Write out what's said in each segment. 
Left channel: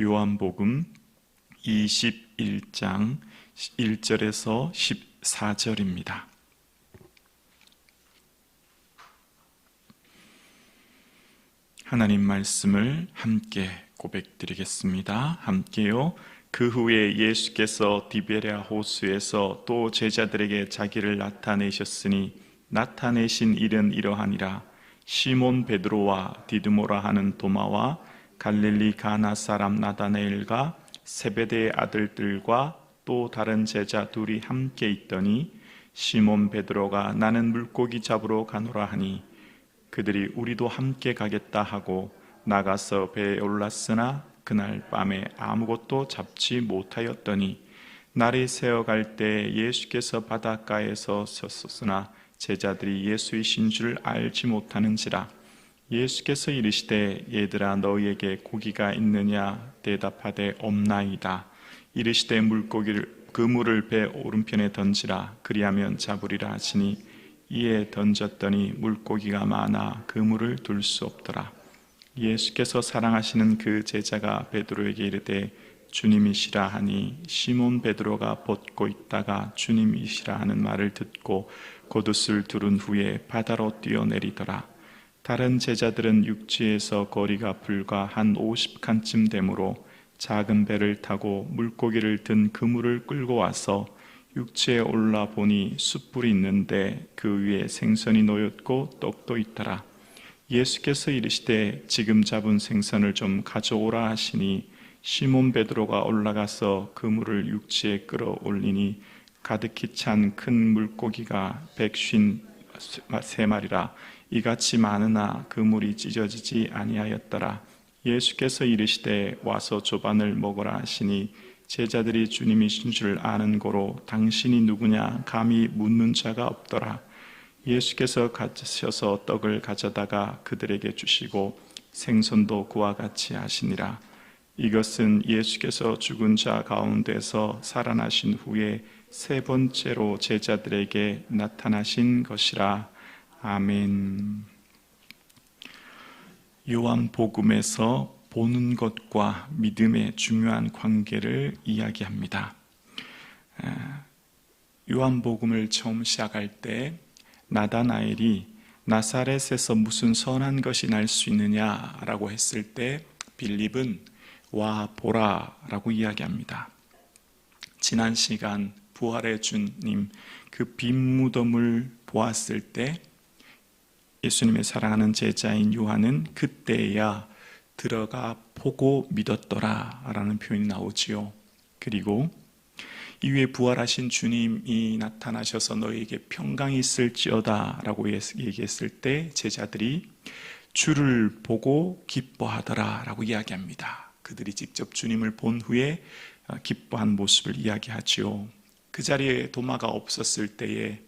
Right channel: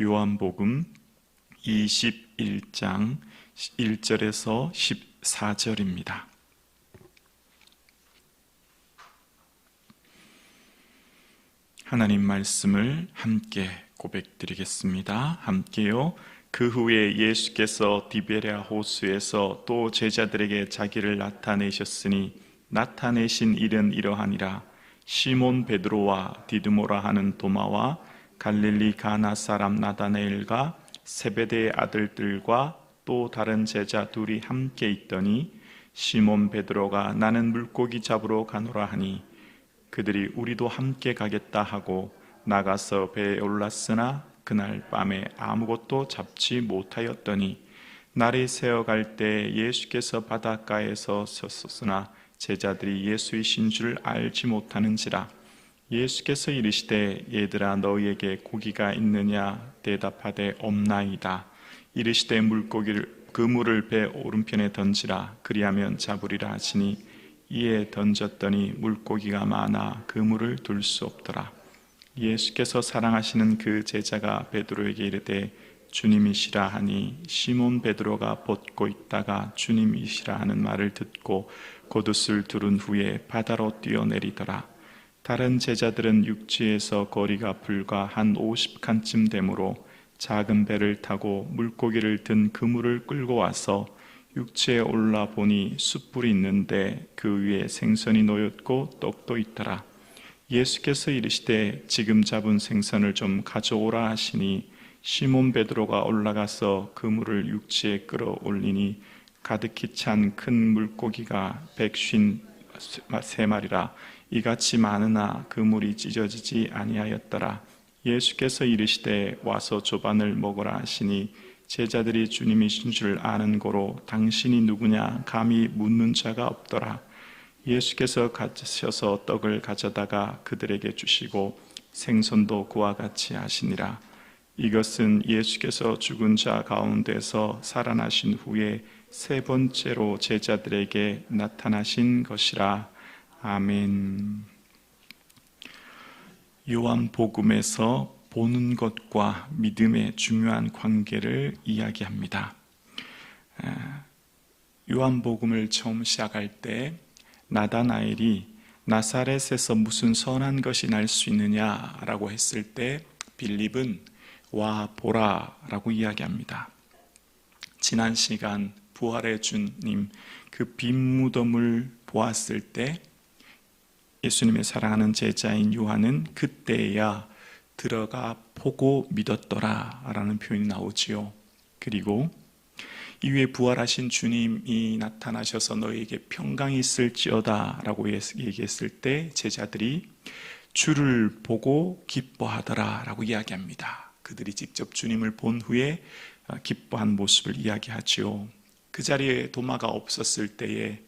요한복음 21장 1절에서 14절입니다. 하나님 말씀을 함께 고백드리겠습니다. 함께요. 그 후에 예수께서 디베랴 호수에서 또 제자들에게 자기를 나타내셨으니 나타내신 일은 이러하니라. 시몬 베드로와 디드모라 하는 도마와 갈릴리 가나 사람 나다나엘과 세베대의 아들들과 또 다른 제자 둘이 함께 있더니 시몬 베드로가 나는 물고기 잡으러 가노라 하니 그들이 우리도 함께 가겠다 하고 나가서 배에 올랐으나 그날 밤에 아무것도 잡지 못하였더니 날이 새어갈 때 예수께서 바닷가에서 섰으나 제자들이 예수이신 줄 알지 못하는지라. 예수께서 이르시되 얘들아 너희에게 고기가 있느냐 대답하되 없나이다. 이르시되 그물을 배 오른편에 던지라 그리하면 잡으리라 하시니 이에 던졌더니 물고기가 많아 그물을 둘 수 없더라. 예수께서 사랑하시는 그 제자가 베드로에게 이르되 주님이시라 하니 시몬 베드로가 벗고 있다가 주님이시라 하는 말을 듣고 겉옷을 두른 후에 바다로 뛰어내리더라. 다른 제자들은 육지에서 거리가 불과 한 50칸쯤 되므로 작은 배를 타고 물고기를 든 그물을 끌고 와서 육지에 올라 보니 숯불이 있는데 그 위에 생선이 놓였고 떡도 있더라. 예수께서 이르시되 지금 잡은 생선을 좀 가져오라 하시니 시몬 베드로가 올라가서 그물을 육지에 끌어올리니 가득히 찬 큰 물고기가 153마리라. 이같이 많으나 그물이 찢어지지 아니하였더라. 예수께서 이르시되 와서 조반을 먹으라 하시니 제자들이 주님이신 줄 아는 고로 당신이 누구냐 감히 묻는 자가 없더라. 예수께서 가셔서 떡을 가져다가 그들에게 주시고 생선도 그와 같이 하시니라. 이것은 예수께서 죽은 자 가운데서 살아나신 후에 세 번째로 제자들에게 나타나신 것이라. 아멘. 요한복음에서 보는 것과 믿음의 중요한 관계를 이야기합니다. 요한복음을 처음 시작할 때 나다나엘이 나사렛에서 무슨 선한 것이 날 수 있느냐라고 했을 때 빌립은 와 보라 라고 이야기합니다. 지난 시간 부활의 주님 그 빈 무덤을 보았을 때 예수님의 사랑하는 제자인 요한은 그때야 들어가 보고 믿었더라 라는 표현이 나오지요. 그리고 이후에 부활하신 주님이 나타나셔서 너희에게 평강이 있을지어다 라고 얘기했을 때 제자들이 주를 보고 기뻐하더라 라고 이야기합니다. 그들이 직접 주님을 본 후에 기뻐한 모습을 이야기하지요. 그 자리에 도마가 없었을 때에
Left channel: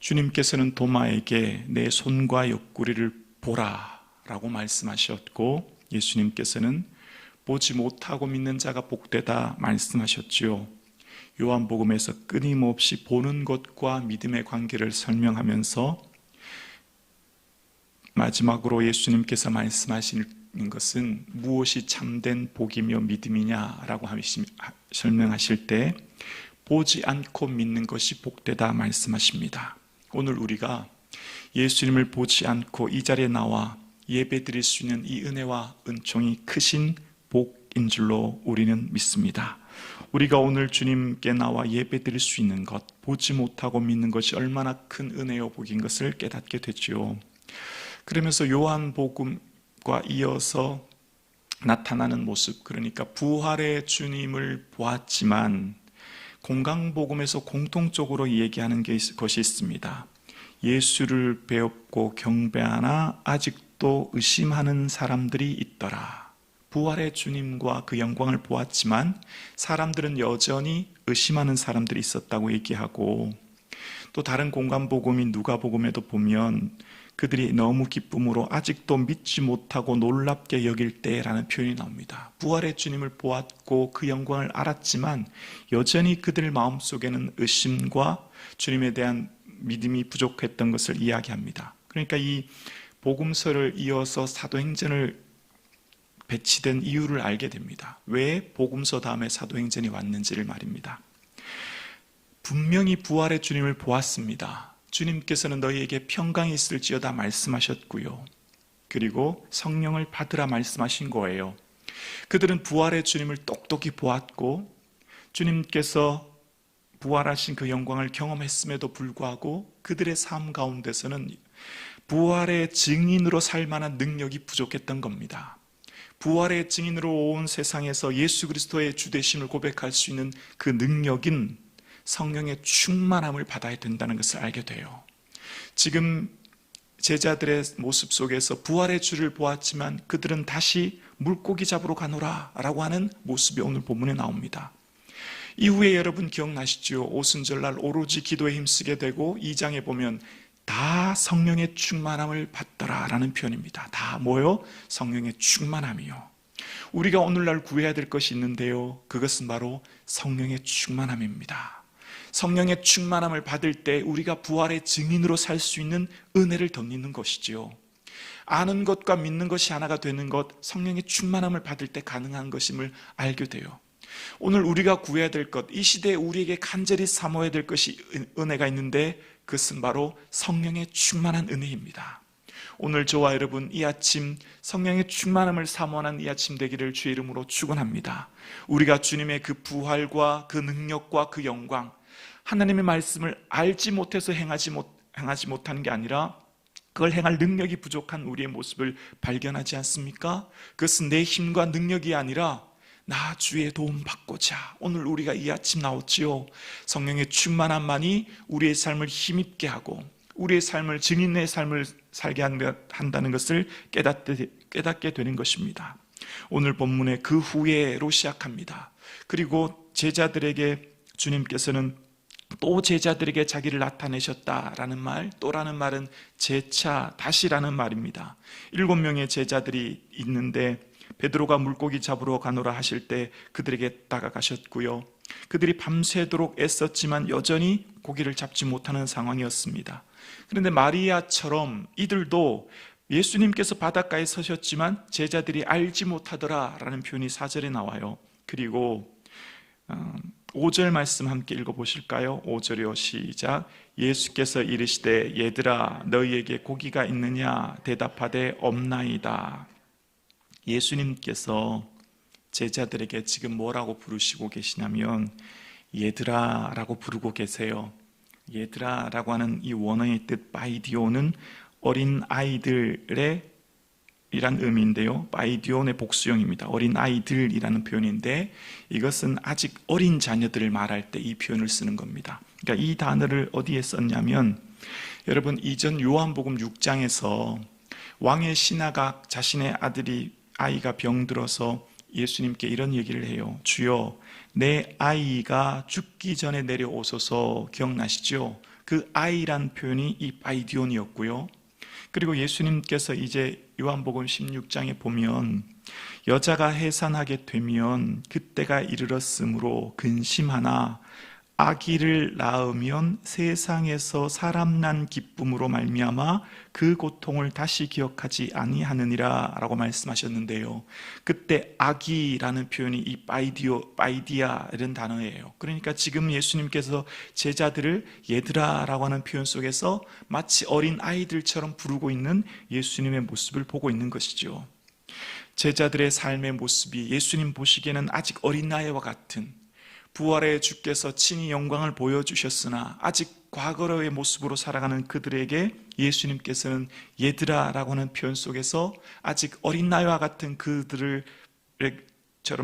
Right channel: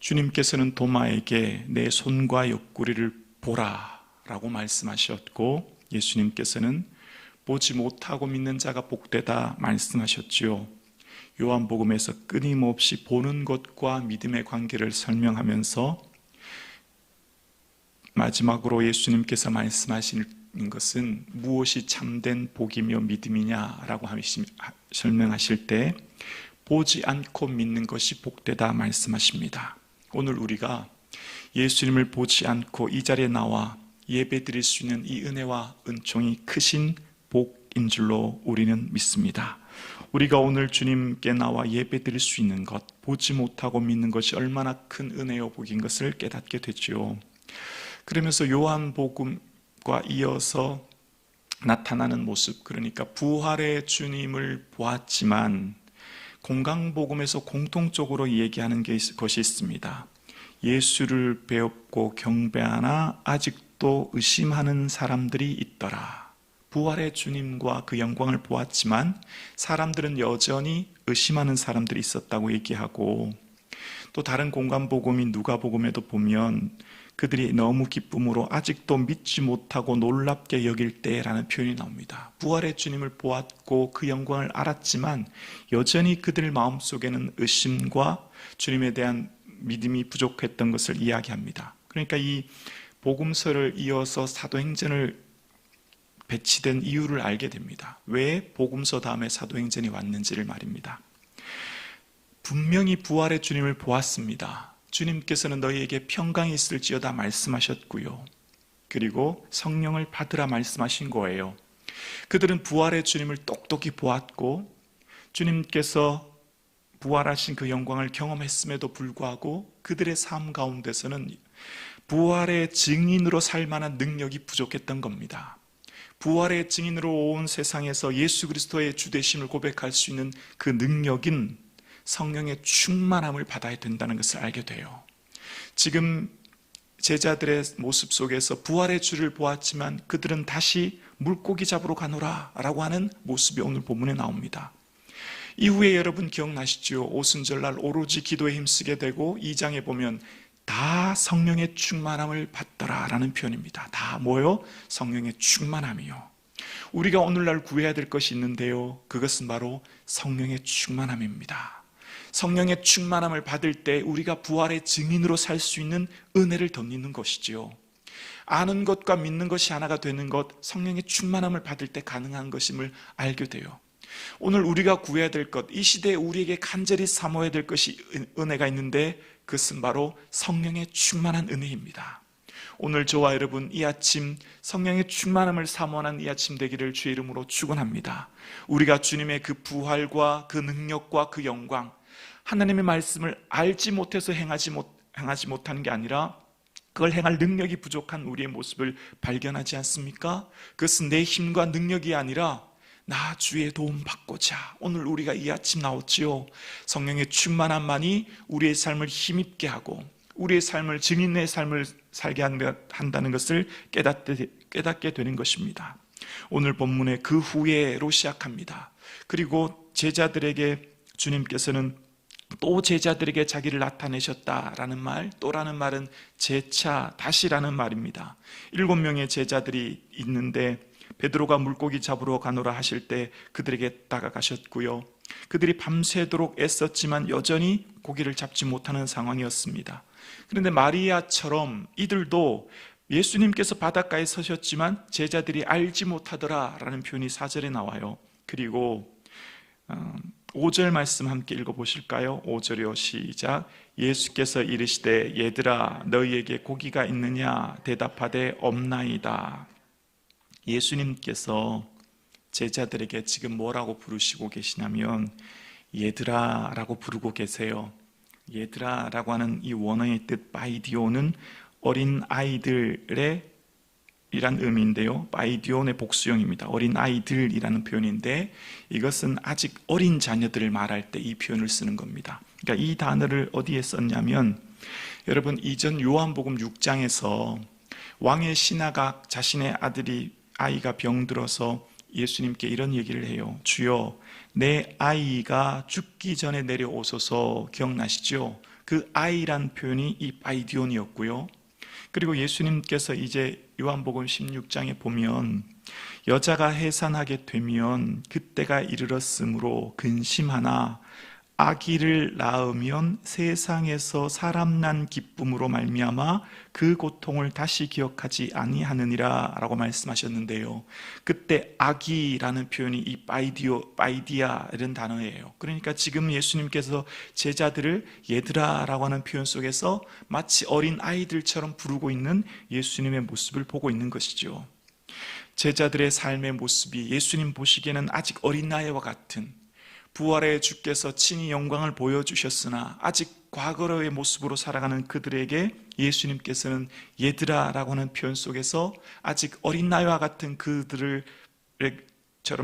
주님께서는 도마에게 내 손과 옆구리를 보라 라고 말씀하셨고 예수님께서는 보지 못하고 믿는 자가 복되다 말씀하셨지요. 요한복음에서 끊임없이 보는 것과 믿음의 관계를 설명하면서 마지막으로 예수님께서 말씀하시는 것은 무엇이 참된 복이며 믿음이냐라고 설명하실 때 보지 않고 믿는 것이 복되다 말씀하십니다. 오늘 우리가 예수님을 보지 않고 이 자리에 나와 예배드릴 수 있는 이 은혜와 은총이 크신 복인 줄로 우리는 믿습니다. 우리가 오늘 주님께 나와 예배드릴 수 있는 것, 보지 못하고 믿는 것이 얼마나 큰 은혜요 복인 것을 깨닫게 됐지요. 그러면서 요한복음과 이어서 나타나는 모습, 그러니까 부활의 주님을 보았지만 건강복음에서 공통적으로 얘기하는 것이 있습니다. 예수를 배웠고 경배하나 아직도 의심하는 사람들이 있더라. 부활의 주님과 그 영광을 보았지만 사람들은 여전히 의심하는 사람들이 있었다고 얘기하고, 또 다른 공간복음인 누가복음에도 보면 그들이 너무 기쁨으로 아직도 믿지 못하고 놀랍게 여길 때라는 표현이 나옵니다. 부활의 주님을 보았고 그 영광을 알았지만 여전히 그들 마음속에는 의심과 주님에 대한 믿음이 부족했던 것을 이야기합니다. 그러니까 이 복음서를 이어서 사도행전을 배치된 이유를 알게 됩니다. 왜 복음서 다음에 사도행전이 왔는지를 말입니다. 분명히 부활의 주님을 보았습니다. 주님께서는 너희에게 평강이 있을지어다 말씀하셨고요. 그리고 성령을 받으라 말씀하신 거예요. 그들은 부활의 주님을 똑똑히 보았고 주님께서 부활하신 그 영광을 경험했음에도 불구하고 그들의 삶 가운데서는 부활의 증인으로 살 만한 능력이 부족했던 겁니다. 부활의 증인으로 온 세상에서 예수 그리스도의 주되심을 고백할 수 있는 그 능력인 성령의 충만함을 받아야 된다는 것을 알게 돼요. 지금 제자들의 모습 속에서 부활의 주를 보았지만 그들은 다시 물고기 잡으러 가노라 라고 하는 모습이 오늘 본문에 나옵니다. 이후에 여러분 기억나시죠? 오순절날 오로지 기도에 힘쓰게 되고 2장에 보면 다 성령의 충만함을 받더라 라는 표현입니다. 다 뭐요? 성령의 충만함이요. 우리가 오늘날 구해야 될 것이 있는데요. 그것은 바로 성령의 충만함입니다. 성령의 충만함을 받을 때 우리가 부활의 증인으로 살 수 있는 은혜를 덧입는 것이지요. 아는 것과 믿는 것이 하나가 되는 것, 성령의 충만함을 받을 때 가능한 것임을 알게 돼요. 오늘 우리가 구해야 될 것, 이 시대에 우리에게 간절히 사모해야 될 것이 은혜가 있는데 그것은 바로 성령의 충만한 은혜입니다. 오늘 저와 여러분 이 아침 성령의 충만함을 사모하는 이 아침 되기를 주의 이름으로 축원합니다. 우리가 주님의 그 부활과 그 능력과 그 영광, 하나님의 말씀을 알지 못해서 행하지 못하는 게 아니라 그걸 행할 능력이 부족한 우리의 모습을 발견하지 않습니까? 그것은 내 힘과 능력이 아니라 나 주의 도움 받고자 오늘 우리가 이 아침 나왔지요. 성령의 충만함만이 우리의 삶을 힘있게 하고 우리의 삶을 증인의 삶을 살게 한다는 것을 깨닫게 되는 것입니다. 오늘 본문의 그 후에로 시작합니다. 그리고 제자들에게 주님께서는 또 제자들에게 자기를 나타내셨다라는 말, 또라는 말은 재차, 다시라는 말입니다. 7명의 제자들이 있는데 베드로가 물고기 잡으러 가노라 하실 때 그들에게 다가가셨고요. 그들이 밤새도록 애썼지만 여전히 고기를 잡지 못하는 상황이었습니다. 그런데 마리아처럼 이들도 예수님께서 바닷가에 서셨지만 제자들이 알지 못하더라라는 표현이 4절에 나와요. 그리고 5절 말씀 함께 읽어보실까요? 5절이요. 시작. 예수께서 이르시되 얘들아 너희에게 고기가 있느냐 대답하되 없나이다. 예수님께서 제자들에게 지금 뭐라고 부르시고 계시냐면 얘들아 라고 부르고 계세요. 얘들아 라고 하는 이 원어의 뜻 바이디오는 어린 아이들의 이란 의미인데요. 바이디온의 복수형입니다. 어린 아이들이라는 표현인데 이것은 아직 어린 자녀들을 말할 때 이 표현을 쓰는 겁니다. 그러니까 이 단어를 어디에 썼냐면 여러분 이전 요한복음 6장에서 왕의 신하가 자신의 아이가 병들어서 예수님께 이런 얘기를 해요. 주여 내 아이가 죽기 전에 내려오소서. 기억나시죠? 그 아이란 표현이 이 바이디온이었고요. 그리고 예수님께서 이제 요한복음 16장에 보면 여자가 해산하게 되면 그때가 이르렀으므로 근심하나 아기를 낳으면 세상에서 사람 난 기쁨으로 말미암아 그 고통을 다시 기억하지 아니하느니라 라고 말씀하셨는데요. 그때 아기라는 표현이 이 바이디아 이런 단어예요. 그러니까 지금 예수님께서 제자들을 얘들아 라고 하는 표현 속에서 마치 어린 아이들처럼 부르고 있는 예수님의 모습을 보고 있는 것이죠. 제자들의 삶의 모습이 예수님 보시기에는 아직 어린아이와 같은 부활의 주께서 친히 영광을 보여주셨으나 아직 과거의 모습으로 살아가는 그들에게 예수님께서는 얘들아 라고 하는 표현 속에서 아직 어린아이와 같은 그들처럼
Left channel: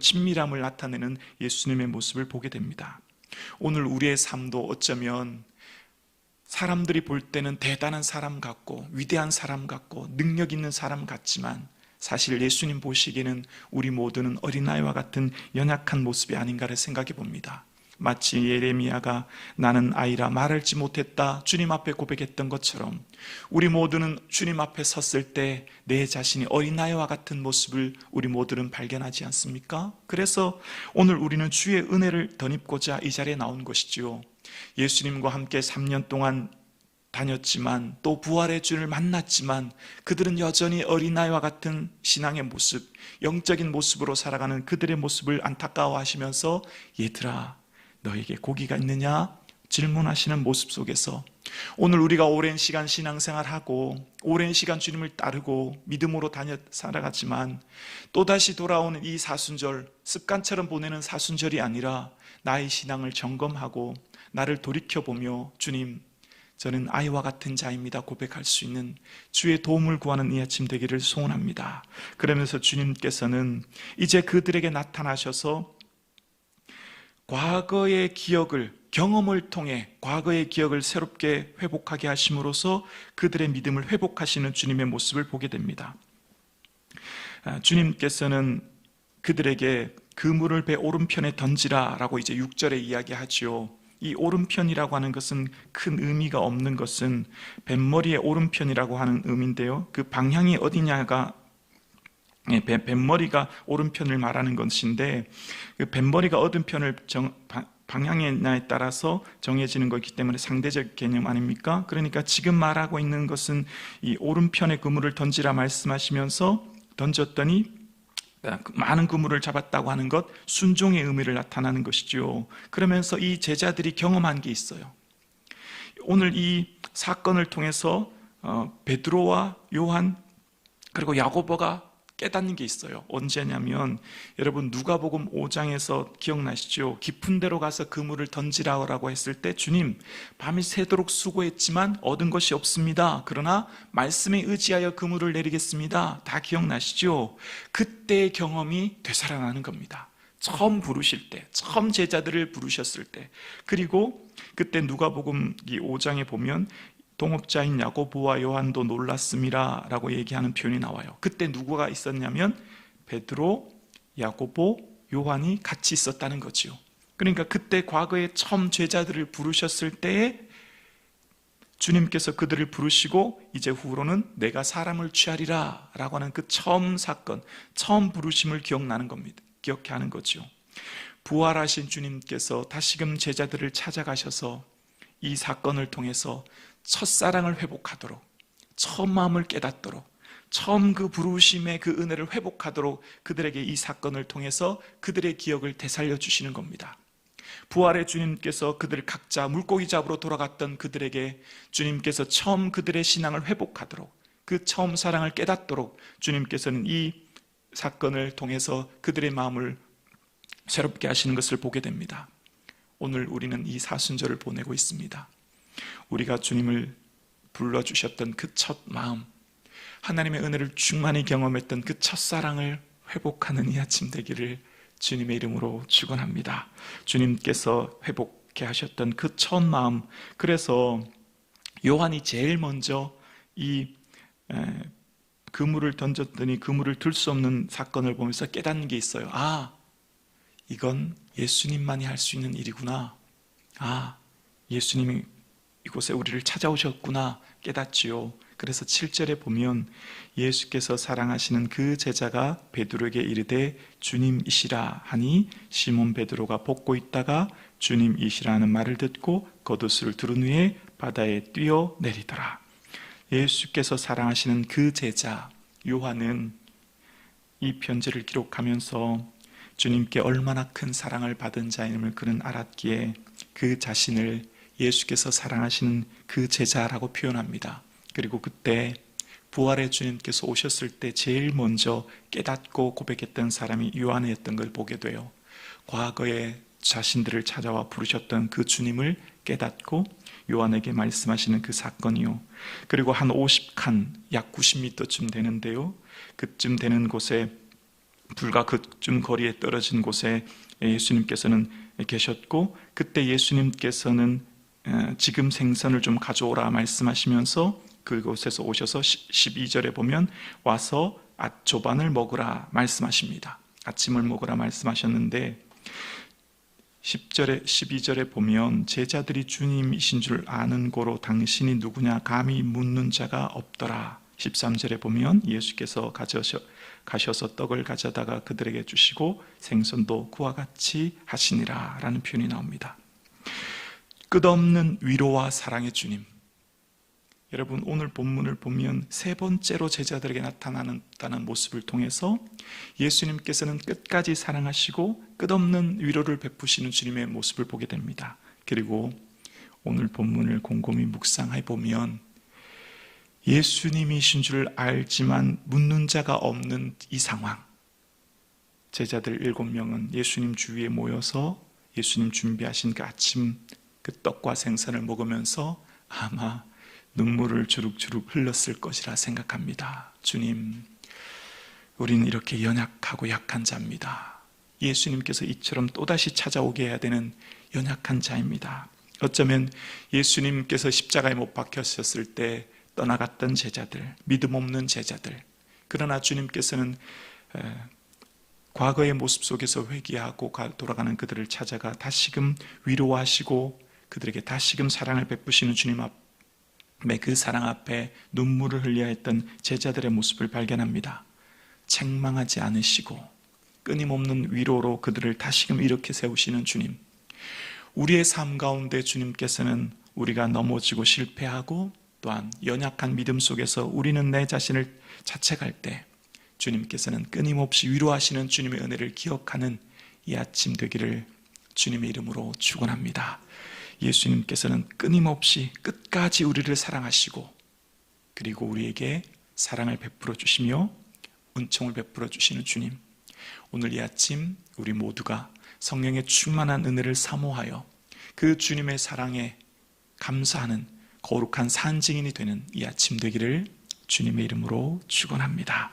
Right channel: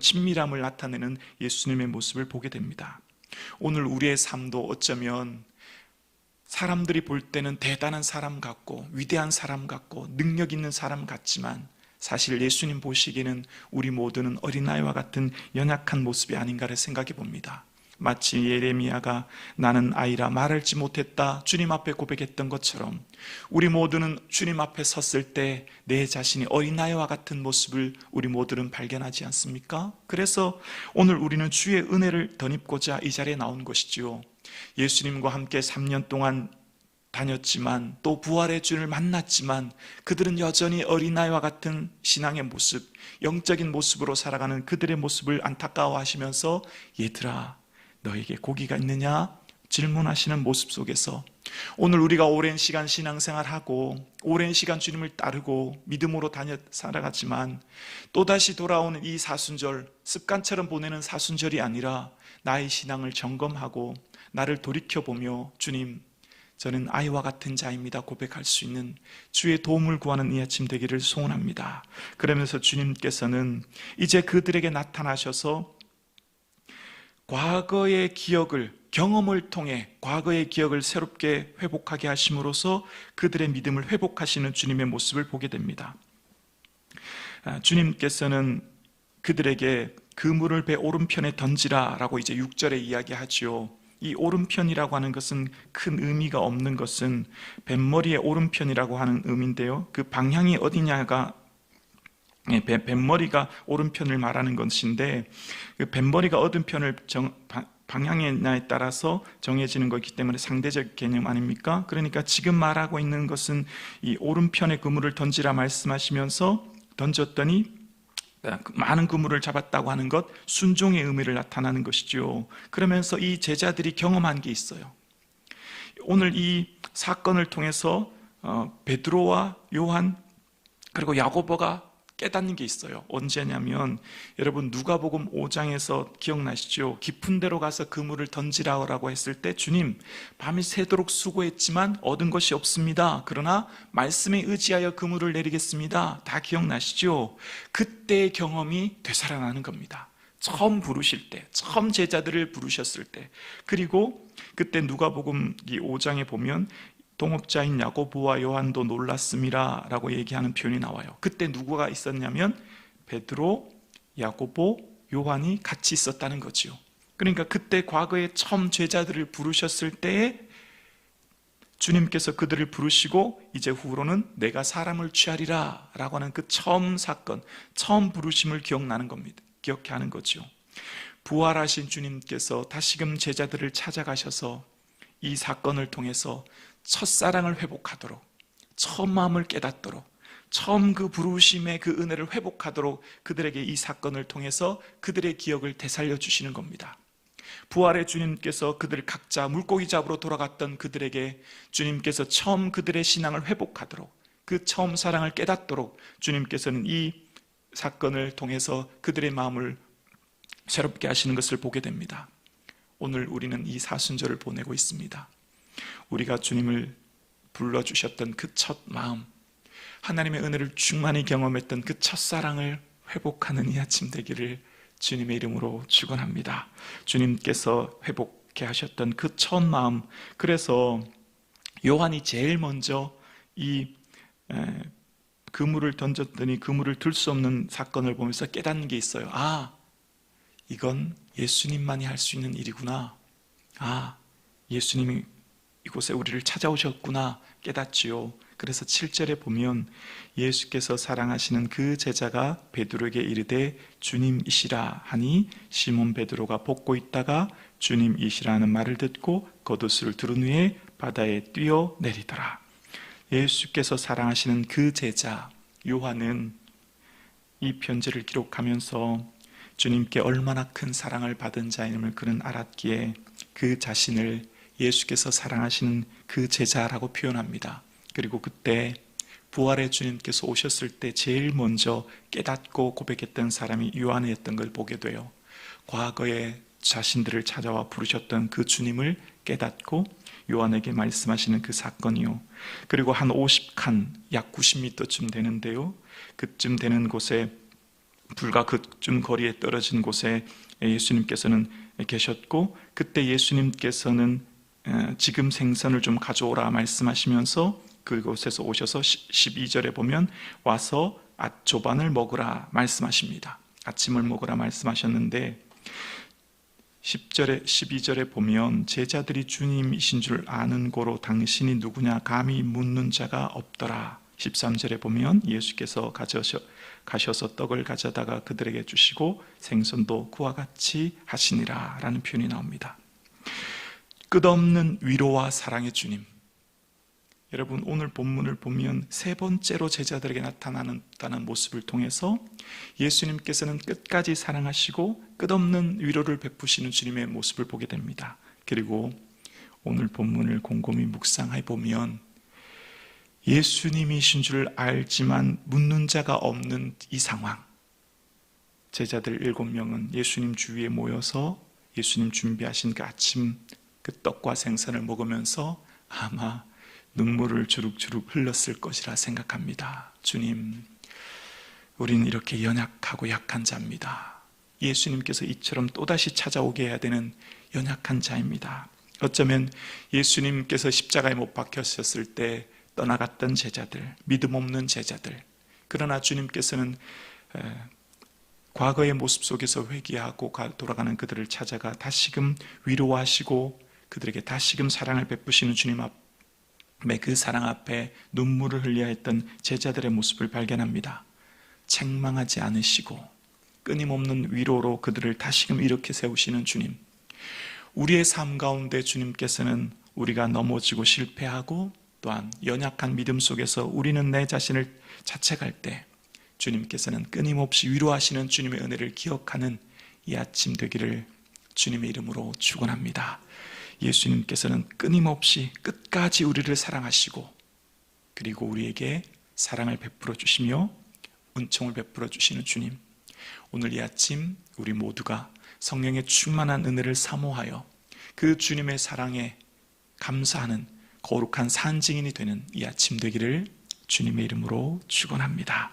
친밀함을 나타내는 예수님의 모습을 보게 됩니다. 오늘 우리의 삶도 어쩌면 사람들이 볼 때는 대단한 사람 같고 위대한 사람 같고 능력 있는 사람 같지만 사실 예수님 보시기에는 우리 모두는 어린아이와 같은 연약한 모습이 아닌가를 생각해 봅니다. 마치 예레미야가 나는 아이라 말할지 못했다 주님 앞에 고백했던 것처럼 우리 모두는 주님 앞에 섰을 때 내 자신이 어린아이와 같은 모습을 우리 모두는 발견하지 않습니까? 그래서 오늘 우리는 주의 은혜를 덧입고자 이 자리에 나온 것이지요. 예수님과 함께 3년 동안 다녔지만 또 부활의 주를 만났지만 그들은 여전히 어린아이와 같은 신앙의 모습, 영적인 모습으로 살아가는 그들의 모습을 안타까워하시면서 얘들아 너에게 고기가 있느냐? 질문하시는 모습 속에서 오늘 우리가 오랜 시간 신앙생활하고 오랜 시간 주님을 따르고 믿음으로 살아갔지만 또다시 돌아오는 이 사순절, 습관처럼 보내는 사순절이 아니라 나의 신앙을 점검하고 나를 돌이켜보며 주님 저는 아이와 같은 자입니다 고백할 수 있는 주의 도움을 구하는 이 아침 되기를 소원합니다. 그러면서 주님께서는 이제 그들에게 나타나셔서 과거의 기억을, 경험을 통해 과거의 기억을 새롭게 회복하게 하심으로써 그들의 믿음을 회복하시는 주님의 모습을 보게 됩니다. 주님께서는 그들에게 그물을 배 오른편에 던지라 라고 이제 6절에 이야기하지요. 이 오른편이라고 하는 것은 큰 의미가 없는 것은 뱃머리의 오른편이라고 하는 의미인데요. 그 방향이 어디냐가 뱃머리가 오른편을 말하는 것인데 그 뱃머리가 어떤 편을 방향이냐에 따라서 정해지는 것이기 때문에 상대적 개념 아닙니까? 그러니까 지금 말하고 있는 것은 이 오른편에 그물을 던지라 말씀하시면서 던졌더니 많은 그물을 잡았다고 하는 것, 순종의 의미를 나타나는 것이죠. 그러면서 이 제자들이 경험한 게 있어요. 오늘 이 사건을 통해서 베드로와 요한 그리고 야고보가 깨닫는 게 있어요. 언제냐면 여러분 누가복음 5장에서 기억나시죠? 깊은 데로 가서 그물을 던지라고 했을 때 주님 밤이 새도록 수고했지만 얻은 것이 없습니다. 그러나 말씀에 의지하여 그물을 내리겠습니다. 다 기억나시죠? 그때의 경험이 되살아나는 겁니다. 처음 부르실 때, 처음 제자들을 부르셨을 때, 그리고 그때 누가복음 5장에 보면 동업자인 야고보와 요한도 놀랐음이라 라고 얘기하는 표현이 나와요. 그때 누구가 있었냐면 베드로, 야고보, 요한이 같이 있었다는 거죠. 그러니까 그때 과거에 처음 제자들을 부르셨을 때에 주님께서 그들을 부르시고 이제 후로는 내가 사람을 취하리라 라고 하는 그 처음 사건, 처음 부르심을 기억나는 겁니다. 기억해 하는 거죠. 부활하신 주님께서 다시금 제자들을 찾아가셔서 이 사건을 통해서 첫사랑을 회복하도록, 처음 마음을 깨닫도록, 처음 그 부르심의 그 은혜를 회복하도록 그들에게 이 사건을 통해서 그들의 기억을 되살려 주시는 겁니다. 부활의 주님께서 그들 각자 물고기 잡으러 돌아갔던 그들에게 주님께서 처음 그들의 신앙을 회복하도록, 그 처음 사랑을 깨닫도록 주님께서는 이 사건을 통해서 그들의 마음을 새롭게 하시는 것을 보게 됩니다. 오늘 우리는 이 사순절을 보내고 있습니다. 우리가 주님을 불러주셨던 그 첫 마음, 하나님의 은혜를 충만히 경험했던 그 첫사랑을 회복하는 이 아침 되기를 주님의 이름으로 축원합니다. 주님께서 회복케 하셨던 그 첫 마음, 그래서 요한이 제일 먼저 이 그물을 던졌더니 그물을 들 수 없는 사건을 보면서 깨닫는 게 있어요. 아, 이건 예수님만이 할 수 있는 일이구나. 아, 예수님이 이곳에 우리를 찾아오셨구나 깨닫지요. 그래서 7절에 보면 예수께서 사랑하시는 그 제자가 베드로에게 이르되 주님이시라 하니 시몬 베드로가 벗고 있다가 주님이시라 하는 말을 듣고 겉옷을 두른 후에 바다에 뛰어내리더라. 예수께서 사랑하시는 그 제자 요한은 이 편지를 기록하면서 주님께 얼마나 큰 사랑을 받은 자임을 그는 알았기에 그 자신을 예수께서 사랑하시는 그 제자라고 표현합니다. 그리고 그때 부활의 주님께서 오셨을 때 제일 먼저 깨닫고 고백했던 사람이 요한이었던 걸 보게 돼요. 과거에 자신들을 찾아와 부르셨던 그 주님을 깨닫고 요한에게 말씀하시는 그 사건이요. 그리고 한 50칸, 약 90m쯤 되는데요. 그쯤 되는 곳에 불과 그쯤 거리에 떨어진 곳에 예수님께서는 계셨고 그때 예수님께서는 지금 생선을 좀 가져오라 말씀하시면서 그곳에서 오셔서 12절에 보면 와서 앗조반을 먹으라 말씀하십니다. 아침을 먹으라 말씀하셨는데 10절에 12절에 보면 제자들이 주님이신 줄 아는 고로 당신이 누구냐 감히 묻는 자가 없더라. 13절에 보면 예수께서 가셔서 떡을 가져다가 그들에게 주시고 생선도 그와 같이 하시니라 라는 표현이 나옵니다. 끝없는 위로와 사랑의 주님, 여러분, 오늘 본문을 보면 세 번째로 제자들에게 나타나는 모습을 통해서 예수님께서는 끝까지 사랑하시고 끝없는 위로를 베푸시는 주님의 모습을 보게 됩니다. 그리고 오늘 본문을 곰곰이 묵상해 보면 예수님이신 줄 알지만 묻는 자가 없는 이 상황, 제자들 7명은 예수님 주위에 모여서 예수님 준비하신 그 아침 그 떡과 생선을 먹으면서 아마 눈물을 주룩주룩 흘렸을 것이라 생각합니다. 주님, 우리는 이렇게 연약하고 약한 자입니다. 예수님께서 이처럼 또다시 찾아오게 해야 되는 연약한 자입니다. 어쩌면 예수님께서 십자가에 못 박혔었을 때 떠나갔던 제자들, 믿음 없는 제자들, 그러나 주님께서는 과거의 모습 속에서 회개하고 돌아가는 그들을 찾아가 다시금 위로하시고 그들에게 다시금 사랑을 베푸시는 주님 앞에, 그 사랑 앞에 눈물을 흘려야 했던 제자들의 모습을 발견합니다. 책망하지 않으시고 끊임없는 위로로 그들을 다시금 일으켜 세우시는 주님, 우리의 삶 가운데 주님께서는 우리가 넘어지고 실패하고 또한 연약한 믿음 속에서 우리는 내 자신을 자책할 때 주님께서는 끊임없이 위로하시는 주님의 은혜를 기억하는 이 아침 되기를 주님의 이름으로 축원합니다. 예수님께서는 끊임없이 끝까지 우리를 사랑하시고 그리고 우리에게 사랑을 베풀어 주시며 은총을 베풀어 주시는 주님, 오늘 이 아침 우리 모두가 성령의 충만한 은혜를 사모하여 그 주님의 사랑에 감사하는 거룩한 산증인이 되는 이 아침 되기를 주님의 이름으로 축원합니다.